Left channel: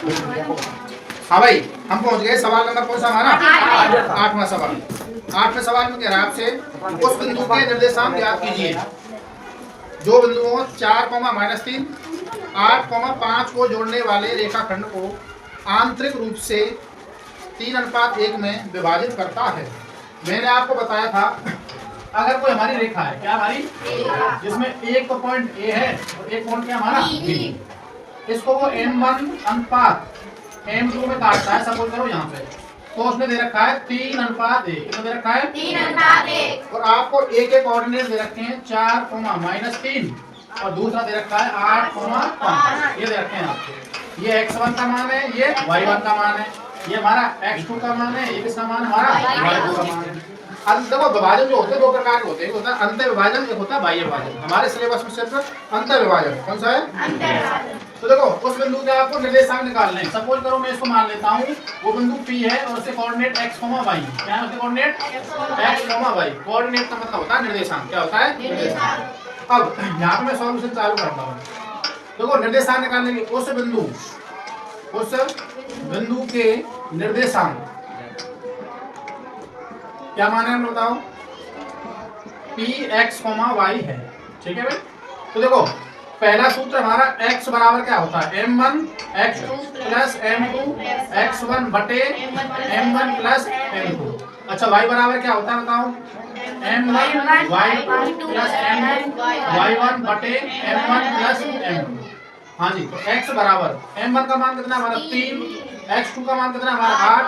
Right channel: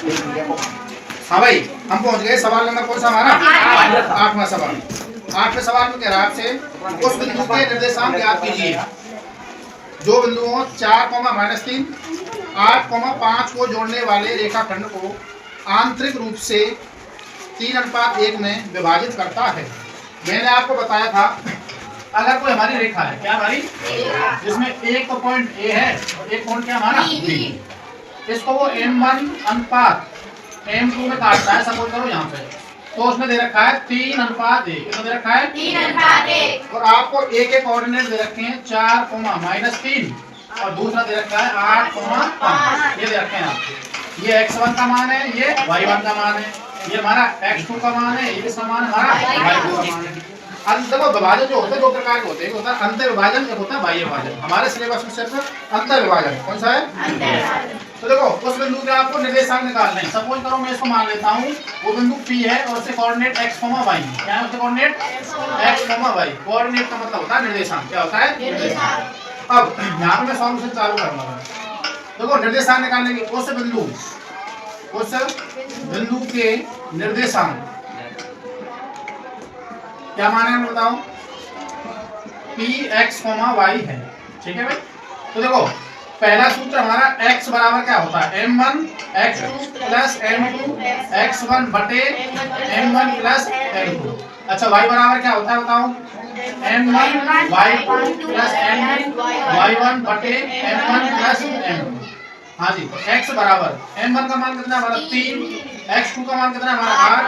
हाँ भाई, हम पहुंच गए सवाल नंबर कौन सा हमारा? 8वां सवाल। 8वें सवाल में कह रहा है आपसे उस बिंदु के निर्देशांक ज्ञात कीजिए जो बिंदुओं 4, -3, 8, 5 को जोड़ने वाले रेखाखंड को आंतरिक रूप से 3:1 में विभाजित करता है। मैंने आपको बताया था अगर कोई हमारी रेखा है, क्या हमारी, जिसमें एक तो पॉइंट ए है और एक पॉइंट क्या हमारा बी, इसको वो m1 अनुपात m2 में काटता है, सपोज करो यहाँ पे, तो उसने दे रखा है 3:1। कितना दे रखा है? 3:1। और आपको एक एक कोऑर्डिनेट दे रखे हैं 4, -3 और दूसरा दे रखा है 8, 5। ये दे रखे हैं आपको। ये x1 का मान है, ये y1 का मान है, ये हमारा x2 का मान है, ये किसका मान है हमारा y2 का मान है। देखो विभाजन जो होते हैं दो प्रकार के होते हैं, एक होता है अंतर विभाजन, एक होता है बाह्य विभाजन। हमारे सिलेबस में सिर्फ अंतर विभाजन। कौन सा है? अंतर विभाजन। तो देखो उस बिंदु के आपको निर्देशांक निकालने हैं। सपोज करो मैं इसको मान लेता हूँ वो बिंदु P है और उसके कोऑर्डिनेट x, y। क्या है उसके कोऑर्डिनेट? x, y। कोऑर्डिनेट का मतलब होता है निर्देशांक। क्या होता है? निर्देशांक। अब यहाँ पे मैं सॉल्यूशन चालू करूंगा। देखो निर्देशांक निकालने के उस बिंदु के निर्देशांक क्या माने हैं बताओ? Px, y है। ठीक है भाई। तो देखो पहला सूत्र हमारा x बराबर क्या होता है? m1 x2 plus m2 x1 बटे m1 प्लस m2। अच्छा y बराबर क्या होता है बताओ? m1 y2 plus m2 y1 बटे m1 प्लस m2। हाँ जी, तो x बराबर m1 का मान कितना है हमारा 3, x2 का मान कितना है हमारा 8,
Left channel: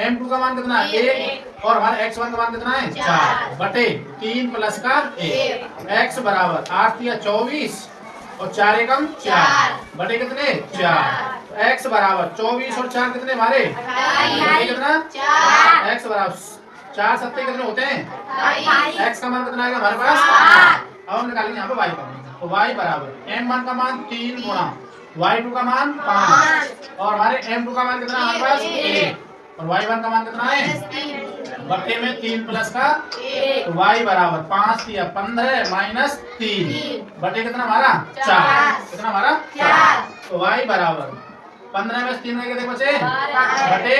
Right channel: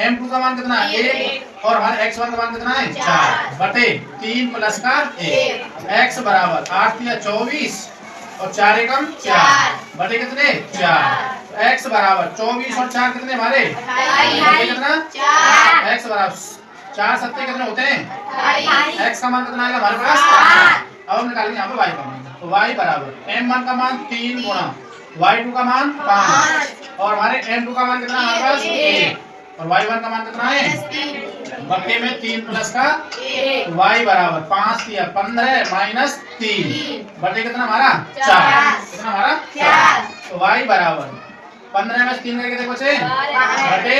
m2 का मान कितना है 1 और हमारा x1 का मान कितना है 4 बटे 3 प्लस का 1। x बराबर 8 या 24 और 4 एकम 4 बटे कितने 4। x बराबर 24 और 4 कितने हमारे कितना 4। x बराबर 4 सत्ते कितने होते हैं? x का मान कितना आएगा हमारे पास? अब हम निकालेंगे यहाँ पे y का मान। तो y बराबर m1 का मान 3 गुणा y2 का मान 5 और हमारे m2 का मान कितना हमारे पास 1 और y1 का मान कितना है बटे में 3 प्लस का 1। तो y बराबर 5 या 15 माइनस 3 बटे कितना हमारा 4। कितना हमारा 4। तो y बराबर 15 में 3 करके देखो बच्चे बटे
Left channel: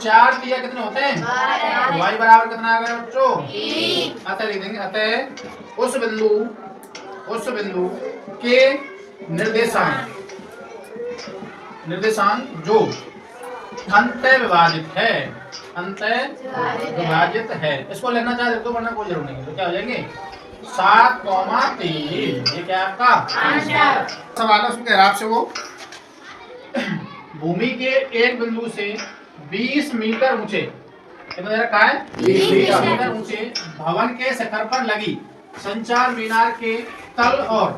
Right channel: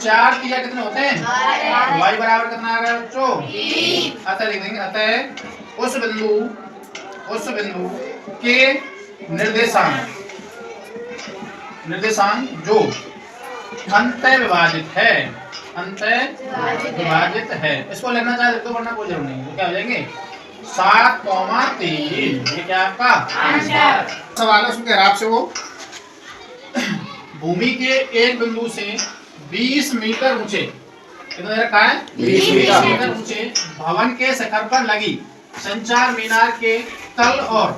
4 किया कितने होते हैं? तो y बराबर कितना आ गया बच्चों? 3। अतः लिख देंगे अतः उस बिंदु के निर्देशांक जो अंतः विभाजित है, इसको लिखना चाहे तो वरना कोई जरूर नहीं। तो क्या हो जाएंगे 7,3। ये क्या आपका आंसर? सवाल है उसके आपसे वो भूमि के एक बिंदु से 20 मीटर ऊंचे, कितना दे रखा है 20 मीटर ऊंचे भवन के शिखर पर लगी संचार मीनार के तल और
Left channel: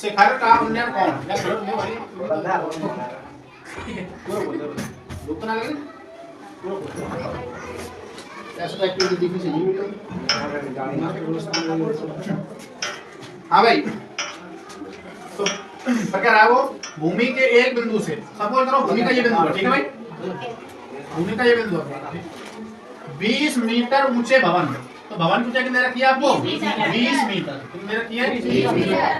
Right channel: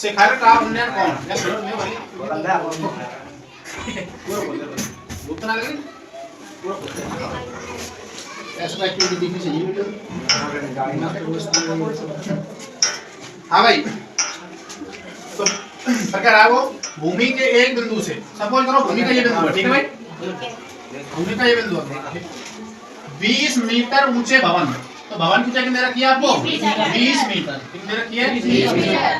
शिखर का उन्नयन कौन? उतना लगे ऐसा एक्टिविटी दिखनी चाहिए। हाँ भाई, तो क्या रहा वो भूमि के एक बिंदु से, सपोज करो भूमि का ये बिंदु है, ठीक है भाई, भूमि का ये बिंदु है 20 मीटर ऊंचे भवन। तो भवन की ऊंचाई कितनी रखी है आपको? 20 मीटर। कितनी रखी है?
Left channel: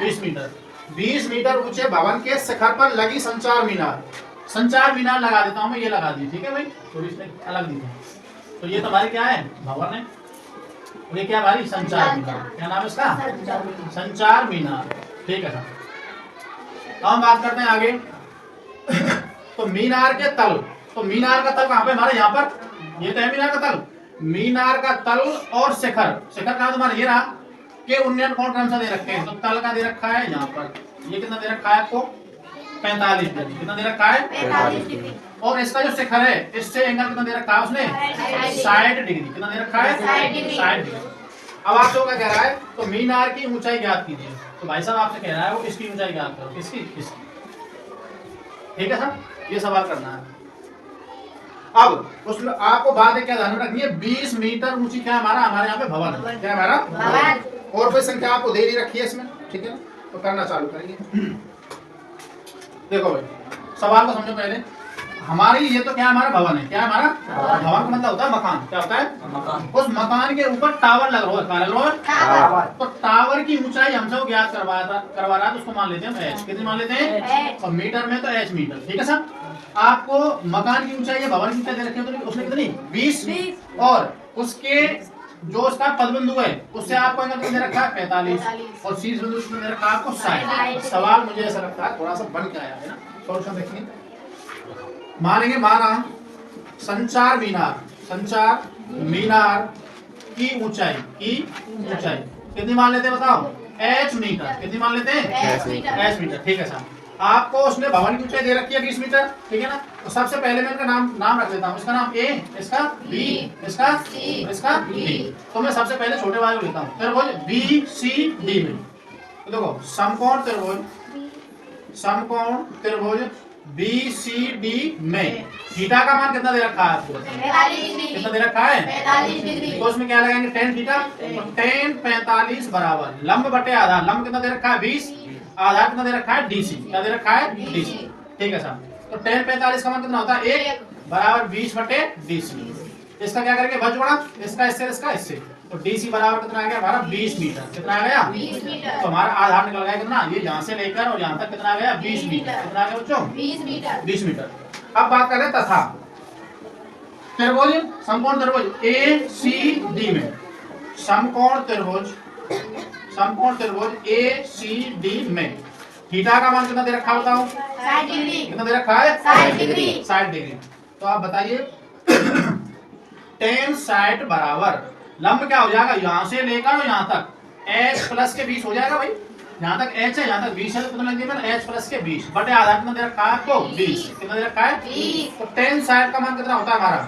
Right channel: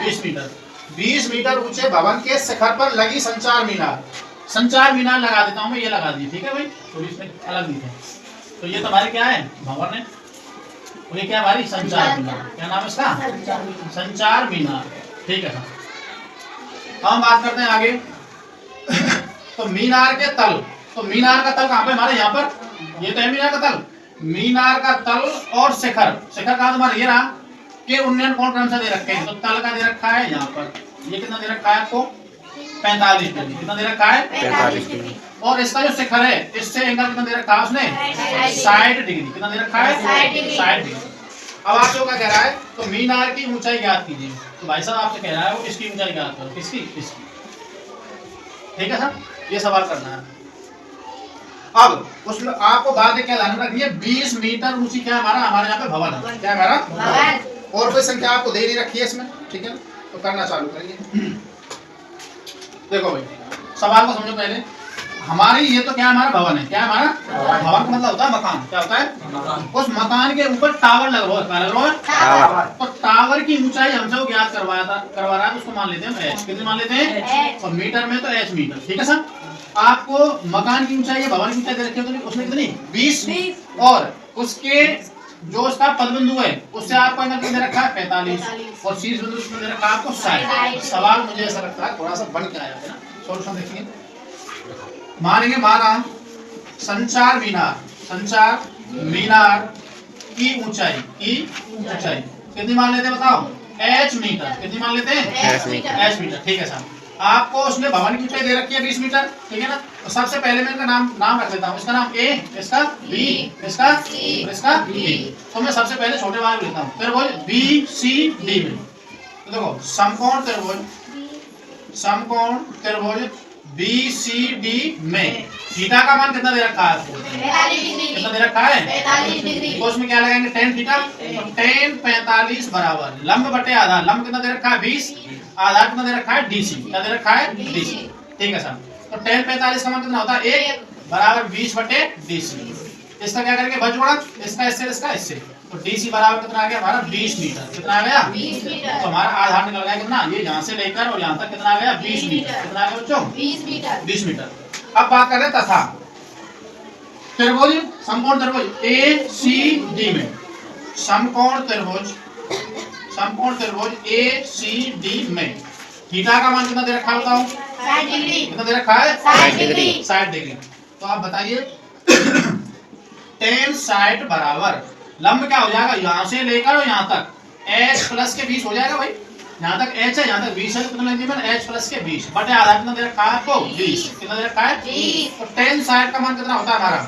20 मीटर। 20 मीटर ऊंचे भवन के शिखर पर लगी संचार मीनार। संचार मीनार लगा देता हूं मैं, ये लगा दी। ठीक है भाई, थोड़ी इसमें अलग दी है। तो ये तुम्हारे क्या है भवन है और ये क्या हमारी संचार मीनार। क्या नाम है इसका? संचार मीनार। ठीक है सर, हम बात करते हैं आगे। तो मीनार के तल, तो मीनार का तल कहाँ पे हमारे? यहाँ पर। ये तो है मीनार का तल। मीनार का तल और शिखर, शिखर का तुम्हारा ये रहा कि उन्नयन कौन कौन सा दे रखे हैं? तो तल का दे रखा है यहाँ पर, ये कितना दे रखा है आपको 45 डिग्री। कितना दे रखा है 45 डिग्री। और इसका जो शिखर है इससे एंगल कितना दे रखा है उसने 60 डिग्री। कितना दे रखा है 60 डिग्री। अब आप जो क्या कह रहा है तो मीनार की ऊंचाई ज्ञात कीजिए। तो भाई साहब आपसे कह रहा है वो इसकी ऊंचाई ज्ञात करो। किसकी? इसकी। ठीक है सर, ये सवाल करना है। अब उसमें आपको बात क्या ध्यान रखनी है 20 मीटर ऊंची क्या हमारा यहाँ पे भवन है। क्या हमारा भवन। और कोई संख्या आपको दे ही रखी है इसमें। ठीक है, तो करना चालू करिए। देखो भाई सवाल को समझो पहले। हमारी ये तो क्या हमारा भवन है, क्या हमारा भवन का मतलब होता है मकान, क्या होता है, उस मकान के ऊपर टावर लग रहा है, क्या लग रहा है टावर। तो टावर की ऊंचाई हमसे वो ज्ञात करवा रहा है, तो उसको मान लेते हैं एच। कितने मान लेते हैं, और मीटर में तो एच मीटर, ठीक है सर। आपको मकान की ऊंचाई है, भवन की ऊंचाई दे रखी है, तो उसने कितनी 20, और उसके जो उसका पद बिंदु है उससे आपको एंगल कितना दे रखा है 45, और शीर्ष बिंदु कितना दे रखा है आपको 60। सवाल मुझे ऐसा लगता है थोड़ा सा बन के आया है ना, सॉल्यूशन देखेंगे। मानेंगे माना संचार मीनार की ऊंचाई कितनी मान लेते हैं बताओ, एच मीटर। कितनी मान लेते हैं, एच मीटर, ठीक है सर। आपको उसने भवन की ऊंचाई दे रखी है 20 मीटर, ठीक है ना। तो सबसे पहले मैं इनका नाम रख देता हूँ, इसका नाम ए, इसका बी, इसका सी, इसका डी। तो मैं सबसे पहले छोटे वाले को लेता हूँ, त्रिभुज बी सी डी में। तो देखो समकोण त्रिभुज बी सी डी में थीटा का मान कितना दे रखा है आपको, 45 डिग्री। कितना दे रखा है 45 डिग्री। तो उसमें क्या लगाएंगे tan थीटा, तो tan 45 बराबर लंब बटे आधार। लंब कितना दे रखा है 20, आधार कितना दे रखा है DC, क्या दे रखा है DC, ठीक है सर। तो tan 45 का मान कितना होता है 1 बराबर 20 बटे DC। इसका क्या करेंगे भज जोड़ा, इसका इससे, तो DC बराबर कितना आ गया हमारा 20 मीटर। कितना आ गया 20 मीटर। तो हमारा आधार निकल गया कितना, ये यहाँ से लेकर और यहाँ तक कितना आ गया 20 मीटर। कितना आ गया बच्चों 20 मीटर। अब बात करें तथा त्रिभुज समकोण त्रिभुज ए सी डी में, समकोण त्रिभुज ए सी डी में थीटा का मान कितना दे रखा है बताओ, 60 डिग्री। कितना दे रखा है 60 डिग्री। 60 डिग्री। तो आप बताइए tan 60 बराबर लंब क्या हो जाएगा, यहाँ से लेकर और यहाँ तक h प्लस के 20 हो जाएगा भाई। यहाँ तक h है, यहाँ तक 20 है, तो कितना लगेगा h प्लस के 20 बटे आधार कितना दे रखा है आपको 20। कितना दे रखा है 20। तो tan 60 का मान कितना होता है हमारा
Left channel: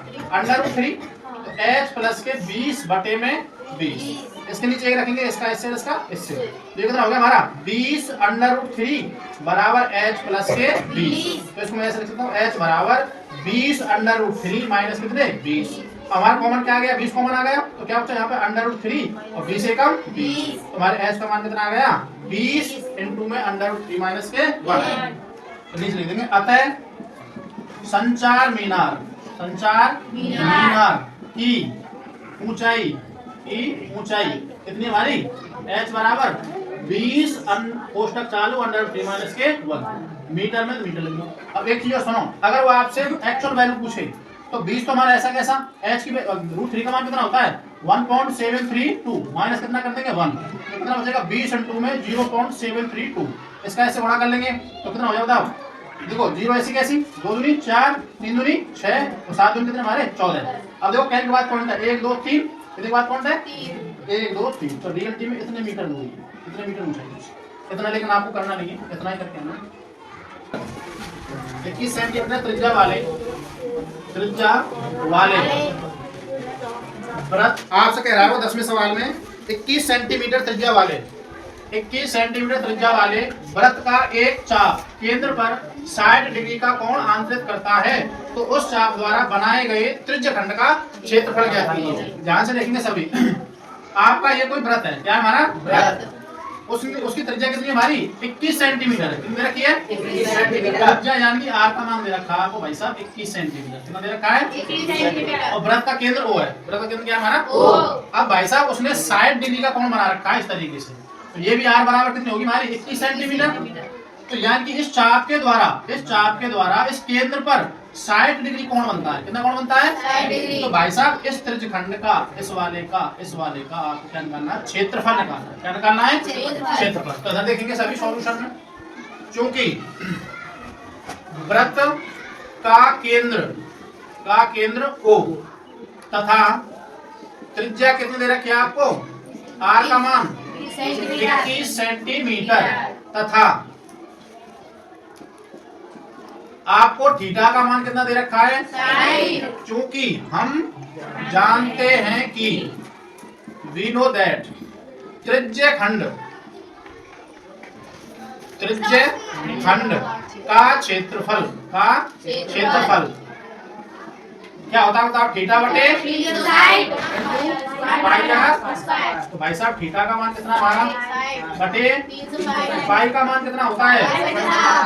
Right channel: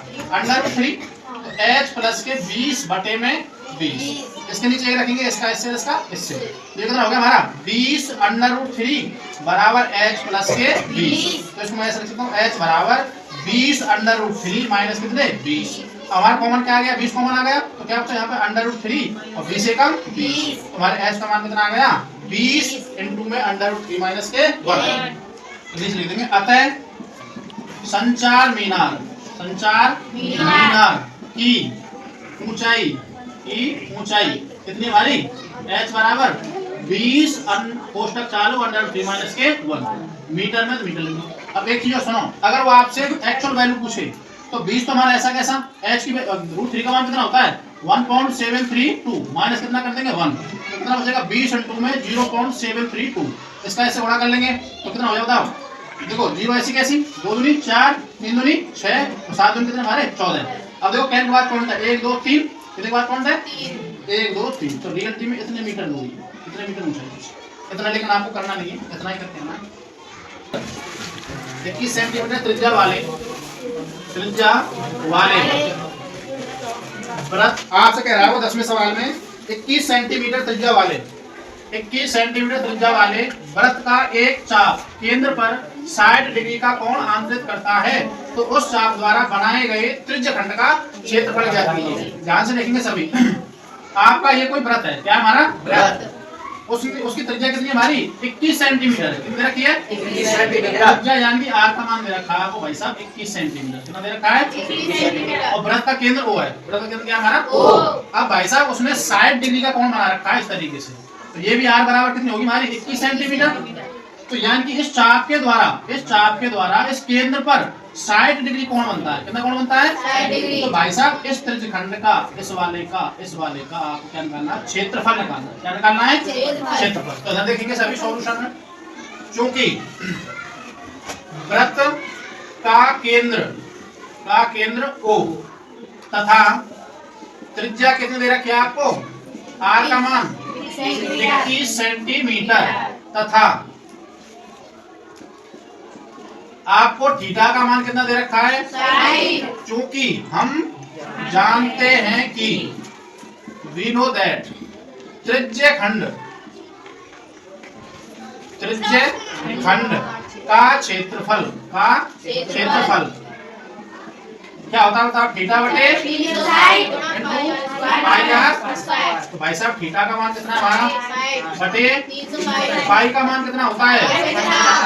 √3, तो h प्लस के 20 बटे में 20। इसके नीचे ये रखेंगे, इसका इससे तो ये कितना हो गया हमारा 20 √3 बराबर h प्लस के 20। तो इसको मैं ऐसे लिख सकता हूँ h बराबर 20 √3 माइनस कितने 20। हमारा कॉमन क्या आ गया 20 कॉमन आ गया, तो क्या बचा यहाँ पे √3 और 20 एकम 20। तो हमारे h का मान कितना आ गया 20 इनटू में √3 माइनस के 1। तो नीचे लिख देंगे अतः संचार मीनार की ऊंचाई कितनी हमारी h बराबर 20 कोष्टक चालू √3 माइनस के 1 मीटर में, तो मीटर लिख दो। अब एक चीज और सुनो, अगर वो आपसे एक्चुअल वैल्यू पूछे तो 20 तो हमारा ऐसा कैसा h की √3 का मान कितना होता है 1.732 माइनस कितना कर देंगे 1, तो कितना बचेगा 20 इनटू में 0.732। इसका ऐसे गुणा कर लेंगे तो कितना हो जाएगा बताओ, देखो 0 ऐसी कैसी 2 दूनी 4 3 दूनी 6 और 7 दूनी कितने हमारे 14। अब देखो कैन के बाद कौन था 1 2 3, कितने के बाद कौन था 1 2 3, तो रियल टी में इतने मीटर दूरी, कितने मीटर ऊंचाई, इतना लेकिन आपको करना नहीं है, इतना ही करके आना। 21 सेंटीमीटर त्रिज्या वाले व्रत आपसे कह रहा है वो 10वें सवाल में 21 सेंटीमीटर त्रिज्या वाले व्रत का एक चाप केंद्र पर 60 डिग्री का कोण आंतरित करता है, तो उस चाप द्वारा बनाए गए त्रिज्यखंड का क्षेत्रफल क्या है। ध्यान से देखेंगे सभी। आपका ये कोई व्रत है, क्या हमारा व्रत, उसकी त्रिज्या कितनी हमारी 21 सेंटीमीटर। कितनी रखी है 21 सेंटीमीटर। त्रिज्या यानी आर का मान दे रखा है आपको भाई साहब 21 सेंटीमीटर। कितना दे रखा है 21 सेंटीमीटर। और व्रत का केंद्र O है, व्रत का केंद्र क्या हमारा O। अब भाई साहब उसने 60 डिग्री का कोण बना रखा है इस तरीके से, तो ये भी आर बराबर कितनी होगी हमारी 21 सेंटीमीटर। तो यानी कि इस चाप के द्वारा इस केंद्र पर 60 डिग्री कोण बनता है। कितना कोण बनता है 60 डिग्री। तो भाई साहब इस त्रिज्यखंड का इस वाले का आपको क्या निकालना है क्षेत्रफल निकालना है। क्या निकालना है क्षेत्रफल। तो इधर देखेंगे सभी सॉल्यूशन में, क्योंकि वृत्त का केंद्र O तथा त्रिज्या कितनी दे रखी है आपको आर का मान 21 सेंटीमीटर तथा आपको थीटा का मान कितना दे रखा है 60। क्योंकि हम जानते हैं कि we know that त्रिज्यखंड का क्षेत्रफल क्या होता है बताओ, थीटा बटे तीन साइड पाई आर। तो भाई साहब थीटा का मान कितना है हमारा बटे 300 पाई का मान कितना होता है,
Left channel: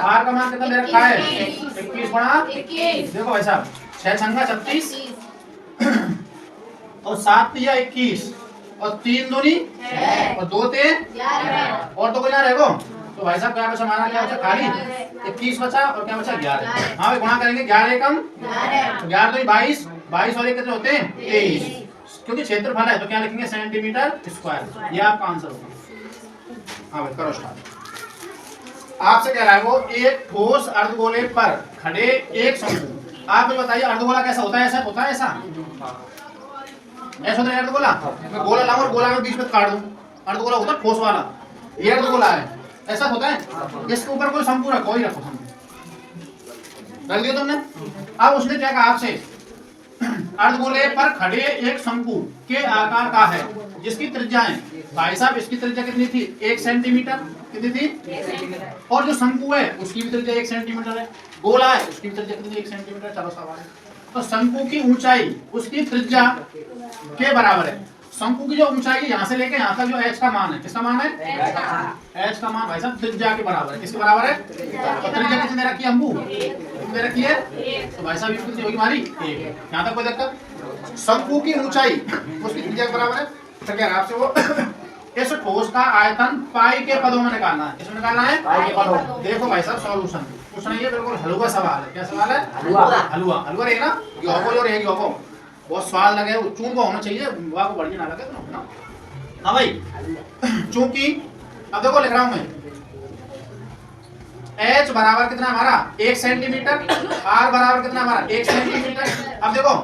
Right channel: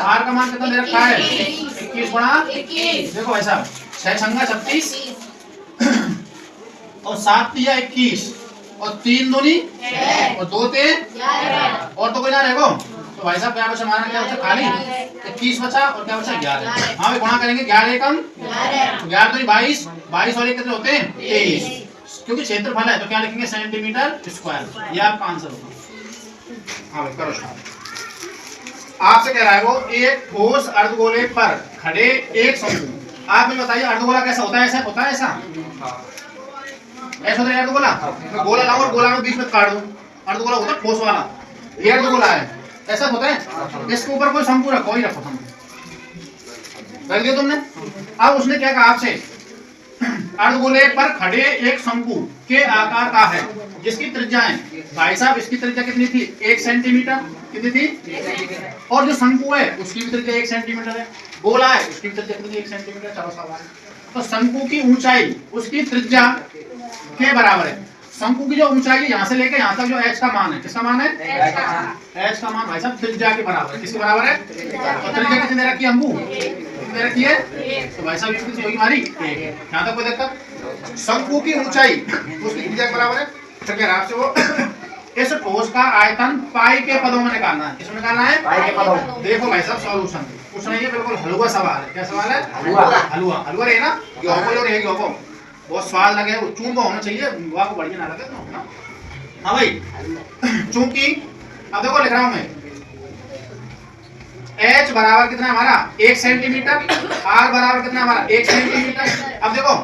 आर का मान कितना दे रखा है 21 गुणा। 21 देखो भाई साहब 6 छंगा 36 और 7 तिया 21 और 3 दूनी और 2 ते और तो कोई ना रहेगो। तो भाई साहब क्या बचा हमारा, क्या बचा खाली 21 बचा और क्या बचा 11। हाँ भाई गुणा करेंगे 11 एकम तो 11 दूनी 22, 22 और एक कितने होते हैं 23, क्योंकि क्षेत्रफल है तो क्या लिखेंगे सेंटीमीटर स्क्वायर। ये आपका आंसर होगा। हाँ भाई करो स्टार्ट। आपसे कह रहा है वो एक ठोस अर्धगोले पर खड़े एक शंकु। आप मुझे बताइए अर्धगोला कैसा होता है, ऐसा होता है, ऐसा होता है अर्धगोला। मैं गोला लाऊं और गोला में बीच में काट दूं, अर्धगोला होता है ठोस वाला, ये अर्धगोला है, ऐसा होता है। इसके ऊपर कोई शंकु रखो, ही रखो शंकु रख दिया तुमने। अब उसने क्या कहा आपसे, अर्धगोले पर खड़े एक शंकु के आकार का है जिसकी त्रिज्याएं, भाई साहब इसकी त्रिज्या कितनी थी 1 सेंटीमीटर, कितनी थी, और जो शंकु है उसकी भी त्रिज्या 1 सेंटीमीटर है, गोला है उसकी भी त्रिज्या कितनी 1 सेंटीमीटर। चलो सवाल, तो शंकु की ऊंचाई उसकी त्रिज्या के बराबर है। शंकु की जो ऊंचाई है यहाँ से लेकर यहाँ तक जो h का मान है, किसका मान है h का मान भाई साहब त्रिज्या के बराबर है। किसके बराबर है, तो त्रिज्या कितनी दे रखी है हमको, कितनी दे रखी है, तो भाई साहब कितनी होगी हमारी 1। यहाँ तक कोई दिक्कत, शंकु की ऊंचाई उसकी त्रिज्या के बराबर है। तो क्या आपसे वो इस ठोस का आयतन पाई के पदों में निकालना है, किसमें निकालना है पाई के पदों। देखो भाई साहब सॉल्यूशन कुछ नहीं है, बिल्कुल हलवा सवाल है। क्या सवाल है, हलवा हलवा हलवा है ना, गेहूं और गेहूं बहुत स्वाद लगे, चूंबा होना चाहिए, बुआ को बढ़िया ना लगे तो ना। हाँ भाई चूंकि अब देखो लिख रहा हूं मैं, h बराबर कितना हमारा 1 सेंटीमीटर, r बराबर कितना हमारा 1 सेंटीमीटर। अब देखो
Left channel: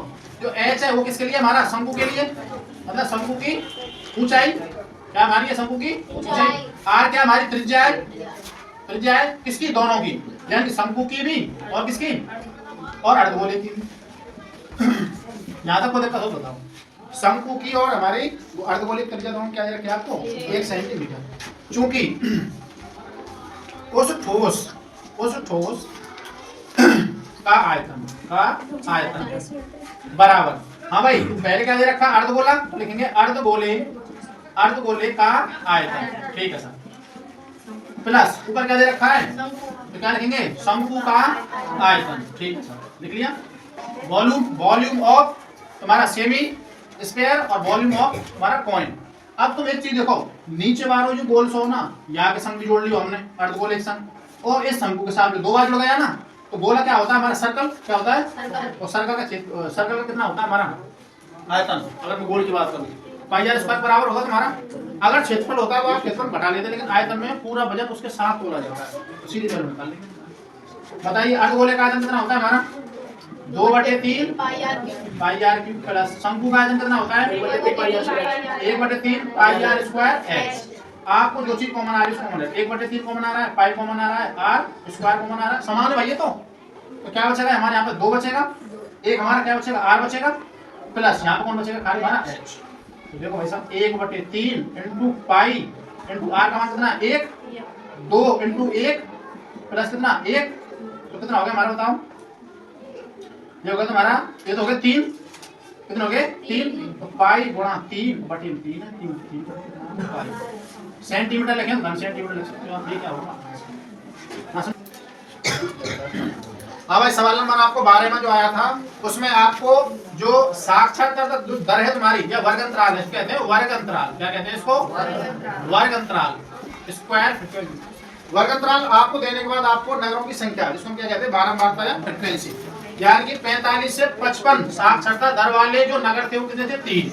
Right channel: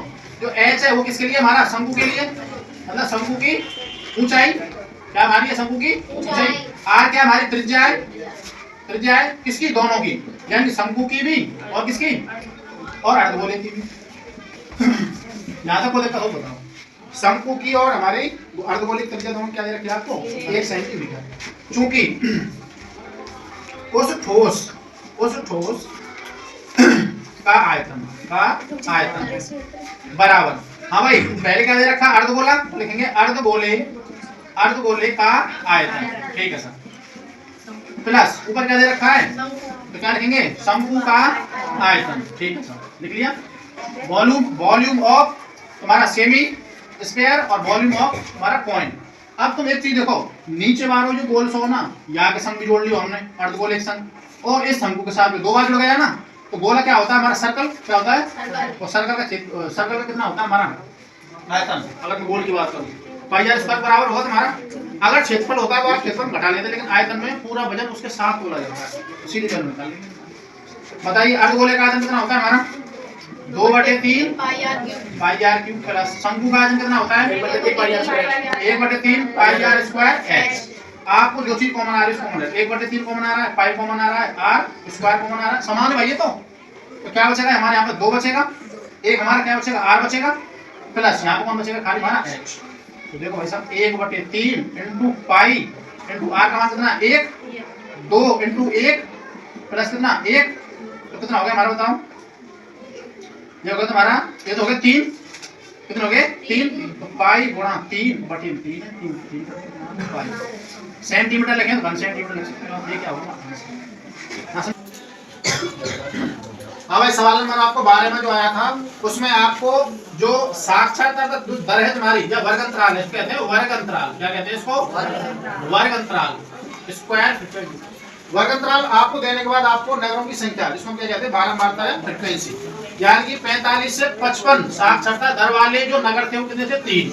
जो h है वो किसके लिए, हमारा शंकु के लिए, मतलब शंकु की ऊंचाई क्या हमारी है, शंकु की ऊंचाई। r क्या हमारी त्रिज्या है, त्रिज्या है किसकी, दोनों की, यानी शंकु की भी और किसकी, और अर्धगोले की भी। यहाँ तक को दिक्कत हो बताओ, शंकु की और हमारी अर्धगोले की त्रिज्या दोनों क्या दे रखी है आपको 1 सेंटीमीटर। चूंकि उस ठोस का आयतन बराबर, हाँ भाई पहले क्या दे रखा अर्धगोला, तो लिखेंगे अर्धगोले का आयतन, ठीक है सर, प्लस ऊपर क्या दे रखा है, तो क्या लिखेंगे शंकु का आयतन, ठीक है सर लिख लिया। वॉल्यूम ऑफ तुम्हारा सेमी स्फीयर और वॉल्यूम ऑफ हमारा कॉइन। अब तुम एक चीज देखो, नीचे मारो जो गोल सो ना, यहाँ के संग भी जोड़ लियो हमने अर्धगोले के संग, और इस शंकु के साथ में 2 बार लगाया ना, तो गोला क्या होता है हमारा सर्कल, क्या होता है, और सर्कल का कितना होता है हमारा आयतन। अगर मैं गोल की बात करूँ पाई आर स्क्वायर बराबर होगा तुम्हारा, अगर क्षेत्रफल होता है तो आप क्षेत्रफल घटा लेते, लेकिन आयतन में पूरा वजन उसके साथ तोला जाता है, सीधे वजन निकाल लेंगे। बताइए अर्धगोले का आयतन कितना होता है हमारा 2/3 पाई आर क्यूब प्लस शंकु का आयतन कितना होता है 1/3 पाई आर स्क्वायर h। आपको जो चीज कॉमन आ रही है कॉमन है, 1/3 कॉमन आ रहा है, पाई कॉमन आ रहा है, आर स्क्वायर कॉमन आ रहा है, समान है भाई ये तो क्या बचेगा हमारे यहाँ पे 2 बचेगा, एक हमारा क्या बचेगा आर बचेगा, प्लस यहाँ पे कौन बचेगा खाली हमारा h। तो देखो भाई साहब 1/3 इंटू पाई इंटू आर का मान कितना 1, 2 इंटू 1 प्लस कितना 1, तो कितना हो गया हमारा बताओ, ये होगा तुम्हारा, ये तो हो गया 3, कितने हो गए 3, तो पाई गुणा 3/3 है, 3 पाई सेंटीमीटर लिखें तो 1 सेंटीमीटर लिख सकते हो आप, ये क्या होगा। हाँ भाई सवाल नंबर आपको 12 में जो आया था उसमें आपको जो साक्षरता दर है तुम्हारी या वर्ग अंतराल है, कहते हैं वर्ग अंतराल, क्या कहते हैं इसको वर्ग अंतराल, स्क्वायर वर्ग अंतराल आपको देने के बाद आपको नगरों की संख्या जिसको क्या कहते हैं बारंबारता है फ्रीक्वेंसी, यानी कि 45 से 55 साक्षरता दर वाले जो नगर थे वो कितने थे 3,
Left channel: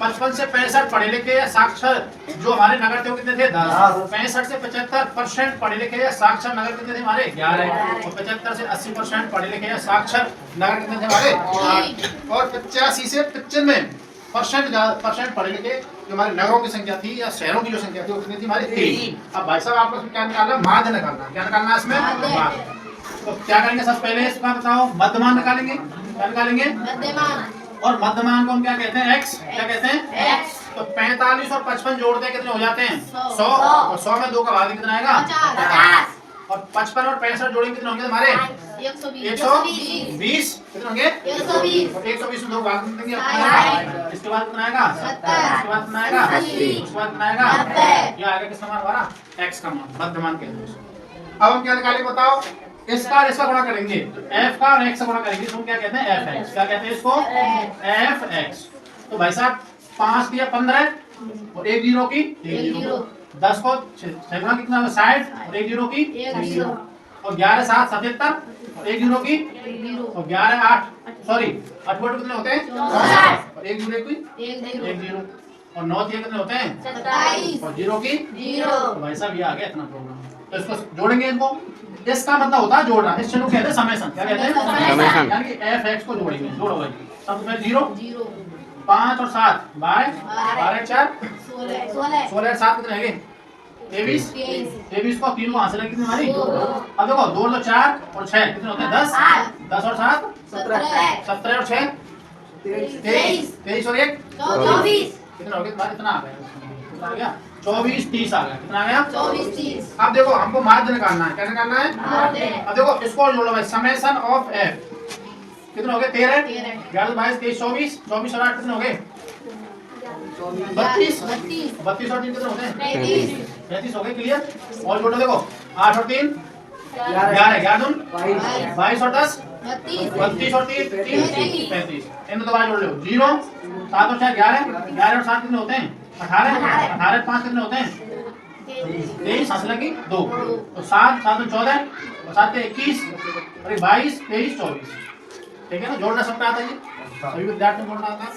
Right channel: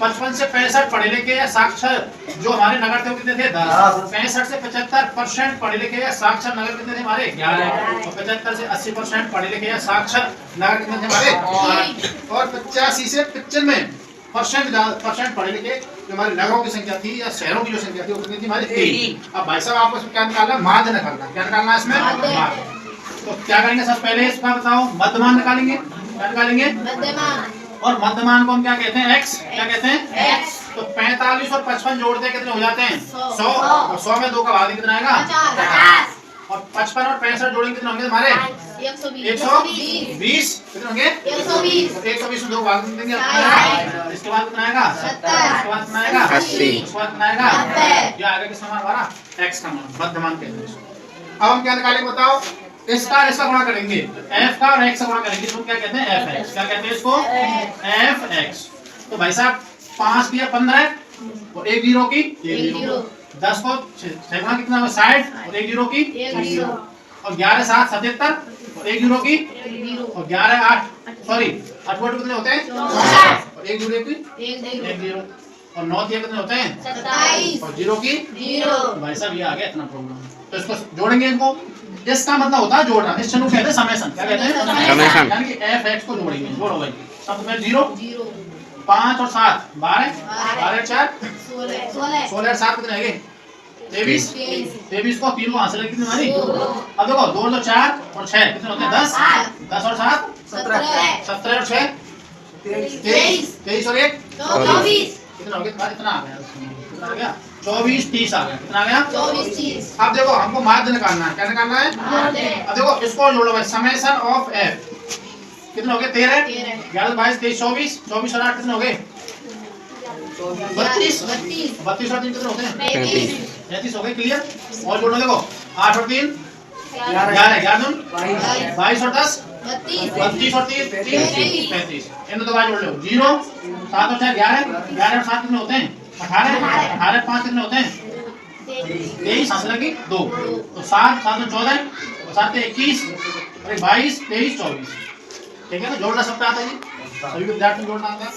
55 से 65 पढ़े लिखे या साक्षर जो हमारे नगर थे वो कितने थे 10, 65 से 75% पढ़े लिखे या साक्षर नगर कितने थे हमारे 11, और 75 से 80% पढ़े लिखे या साक्षर नगर कितने थे हमारे 8, और 85 से 95% पढ़े लिखे जो हमारे नगरों की संख्या थी या शहरों की जो संख्या थी वो कितनी थी हमारी 3। अब भाई साहब आपको क्या निकालना, माध्य निकालना, क्या निकालना है इसमें माध्य। तो क्या करेंगे सबसे पहले इसका बताओ मध्यमान निकालेंगे, क्या निकालेंगे मध्यमान, और मध्यमान को हम क्या कहते हैं x, क्या कहते हैं x। तो 45 और 55 जोड़ते हैं कितने हो जाते हैं 100, और 100 में 2 का भाग कितना आएगा 50। और 55 और 65 जोड़ेंगे कितने होंगे हमारे 120 कितने होंगे 120 तो 120 में 2 भाग देंगे साठ। इसके बाद कितना आएगा 70 इसके बाद कितना आएगा 80 उसके बाद कितना आएगा 90 ये आएगा किसका मान हमारा x का मान मध्यमान कहते हैं इसको। अब हम क्या निकालेंगे बताओ इसका और इसका गुणा करेंगे तो f का और x का गुणा करेंगे तो हम क्या कहते हैं fx क्या कहते हैं इसको fx तो भाई साहब 5 दिया 15 और 1 जीरो की 10 को 6 गुणा कितना होगा 60 और 1 जीरो की और 11 7 77 और 1 जीरो की और 11 8 सॉरी 8 वोट कितने होते हैं 64 और 1 जीरो की 1 जीरो और 9 दिया कितने होते हैं और जीरो की तो भाई साहब ये आ गया इतना प्रॉब्लम तो इसको जोड़ेंगे इनको इसका मतलब होता है जोड़ना इस चीज को कहते हैं समेशन क्या कहते हैं समेशन। यानी कि fx को जोड़ेंगे जोड़ो भाई सब में 0 5 और 7 12 12 4 16 और 7 कितने आएंगे 23 23 को 3 को हासिल है कितनी हमारी अब देखो 2 तो 4 और 6 कितने होते हैं 10 10 और 7 17 और 6 23 और 1 कितना हो गया इतना आ गया कितना आ गया 24 30 आ गया कितना आ गया अब देखो हमको माध्य निकालना है क्या निकालना है अब देखो इसको और जोड़ो भाई समेशन ऑफ f कितने हो गए 13 11 22 23 24 24 और 8 कितने हो गए 32 32 और 3 कितने होते हैं 33 हो गए क्लियर और जोड़ो देखो 8 और 3 11 11 22 और 10 32 और 3 35 इन दो बार जोड़ लो 0 7 और 6 11 11 और 7 कितने होते हैं 18 18 5 कितने होते हैं 23 हासिल की 2 तो 7 7 और 14 और 7 21 और 22 23 24 ठीक है ना जोड़ना सबका आता है जी सभी विद्यार्थी को जोड़ना आता है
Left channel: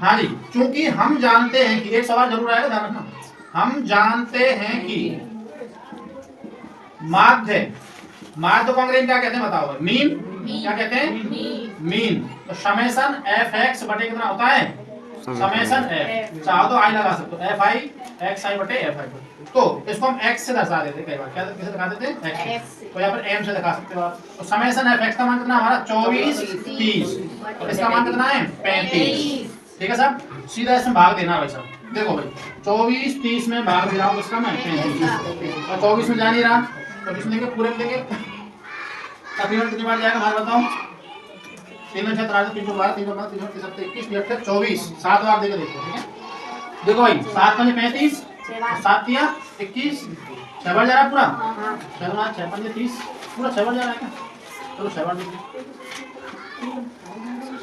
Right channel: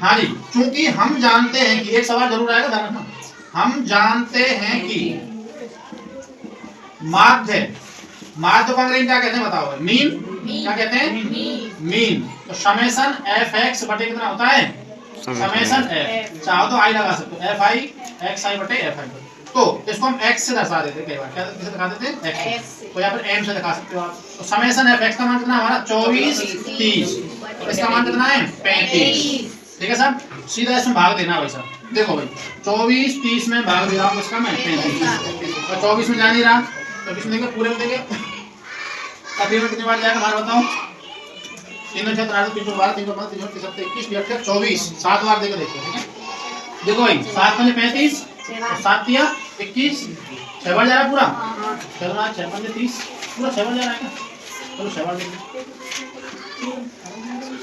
हाँ जी चूंकि हम जानते हैं कि एक सवाल जरूर आएगा ध्यान रखना हम जानते हैं कि माध्य माध्य को अंग्रेजी क्या कहते हैं बताओ मीन क्या कहते हैं मीन तो समेशन fx बटे कितना होता है समेशन f चाहो तो i लगा सकते हो fi xi बटे fi तो इसको हम x से दर्शा देते हैं कई बार क्या किसे दिखा देते हैं x तो यहाँ पर m से दिखा सकते हो आप तो समेशन fx का मान कितना हमारा 24 30 और इसका मान कितना है 35 ठीक है साहब सीधा इसमें भाग देना भाई साहब देखो भाई 24 30 में भाग दिया आप इसका मैं 35 तो 24 में जा नहीं रहा 24 में देंगे पूरे में देंगे तकरीबन कितने बार जाएगा हमारा बताओ 3 6 13 3 12 3 12 3 7 21 28 24 7 बार देके देखो ठीक है देखो भाई 7 पंजे 35 7 दिया 21 6 बार जा रहा है पूरा चलो ना 6 पंजे 30 पूरा 6 बार जा रहा है क्या चलो 6 बार देखो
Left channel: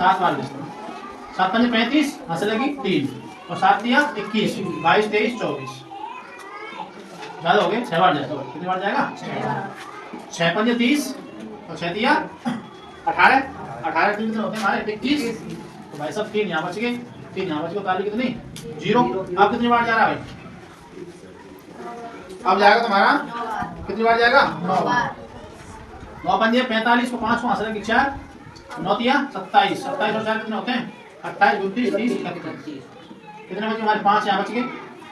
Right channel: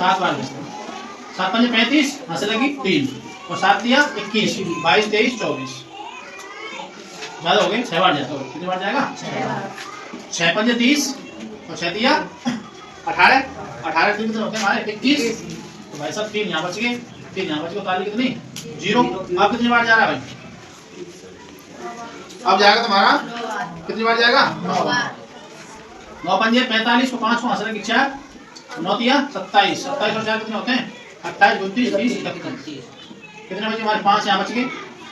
7 बार देखो 7 पंजे 35 हासिल लगी 3 और 7 दिया 21 22 23 24 ज्यादा हो गए 6 बार जाएगा कितनी बार जाएगा 6 पंजे 30 और 6 दिया 18 18 3 कितने होते हैं हमारे 21 तो भाई साहब 3 यहाँ बच गए 3 यहाँ बच गए काली कितनी 0 अब कितनी बार जा रहा है भाई अब जाएगा तुम्हारा कितनी बार जाएगा 9 पंजे 45 को 5 को हासिल की 4 9 दिया 27 27 और 4 कितने होते हैं 28 29 30 31 कितने बचे हमारे 5 यहाँ बच गए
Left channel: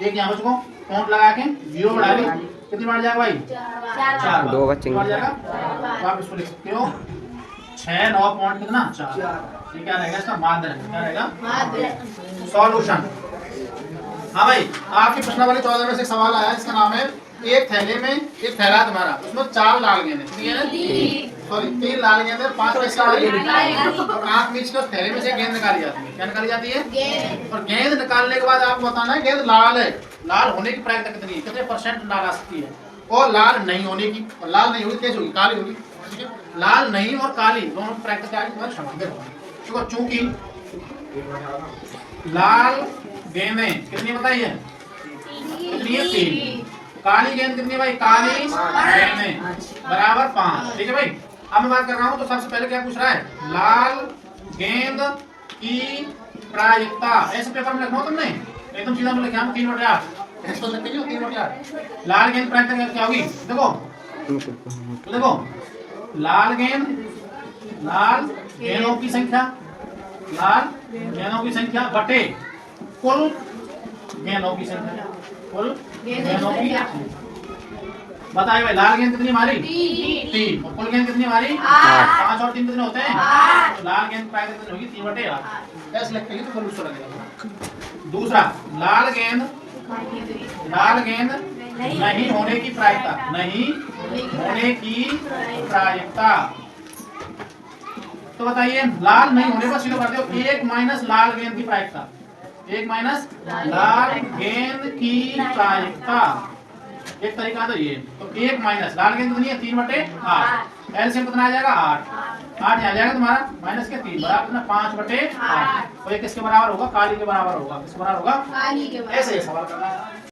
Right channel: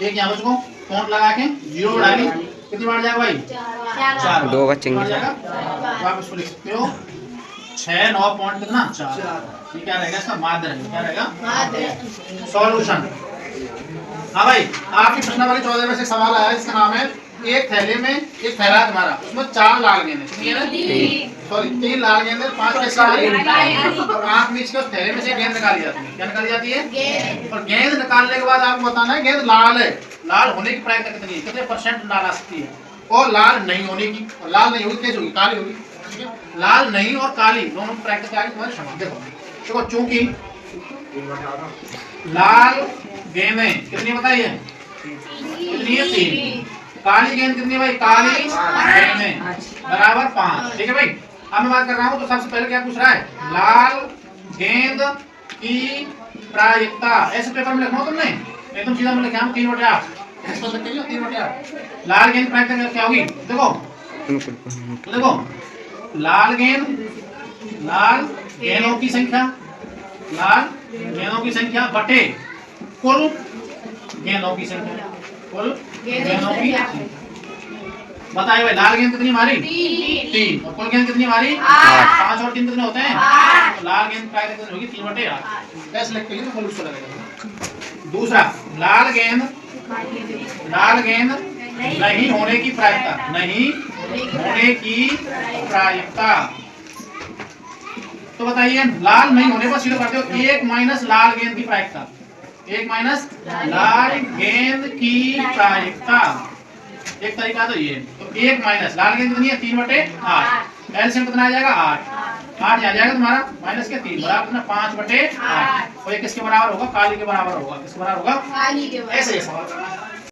1 यहाँ बच गो काउंट लगा के 0 बढ़ा के कितनी बार जाएगा भाई 4 दो बचेंगे बार जाएगा तो आप इसको लिख सकते हो 6 9 पॉइंट कितना 4 ये क्या रहेगा इसका माध्य रहेगा क्या रहेगा सॉल्यूशन हाँ भाई आपकी प्रश्नावली 14 में से सवाल आया इसका नाम है एक थैले में एक थैला है तुम्हारा उसमें 4 लाल गेंद कितनी है सॉरी 3 लाल गेंद 5 पैसा और 8 बीच के उस थैले में से गेंद निकाली जाती है क्या निकाली जाती है और गेंद निकालने के बाद आपको बताना है गेंद लाल है लाल होने की प्रायिकता कितनी है कितने % लाल आ सकती है और लाल नहीं होने की लाल नहीं होगी कैसे होगी काली होगी ठीक है लाल नहीं और काली दोनों प्रायिकता क्या है तुम्हारे समझ देखो चूंकि लाल गेंदें कितनी बताइए कितनी है 3 काली गेंद कितनी भाई काली गेंदें बराबर 5 ठीक है भाई अब मैं बात कर रहा हूँ तो सबसे पहले क्या पूछ रहा है लाल गेंद की प्रायिकता ऐसे पेपर में लिखना हो तुमने एकदम सीधा में लिखा 3/8 इसको लिखते हो 3/8 लाल गेंद प्रायिकता क्या होगी देखो लाल गेंदों की संख्या बटे कुल गेंदों की संख्या बताइए भाई लाल गेंद कितनी हमारी 3 और कुल गेंद कितनी हमारी 5 और 3 कितने होते हैं लाल गेंद प्रायिकता कितनी होगी 3/8 कैसे लिखते हैं तो फल उसको लगेगा दूसरा लाल गेंद नहीं होने की प्रायिकता, नहीं होने की प्रायिकता। तो बताइए लाल नहीं होने पर सीधे करते हो 1 माइनस लाल गेंद की प्रायिकता, 1 माइनस लाल गेंद की प्रायिकता। एक तरीका तो ये, तो 1 माइनस लाल गेंद कितनी है 3/8, एलसीएम कितना आ जाएगा 8, 8 यहाँ जाएगा तुम्हारा माइनस के 3 बराबर कितना 5/8, और ये किसके बराबर होगा, काली के बराबर होगा, किसके बराबर होगा, काली के बराबर। ऐसे ये सवाल करना है।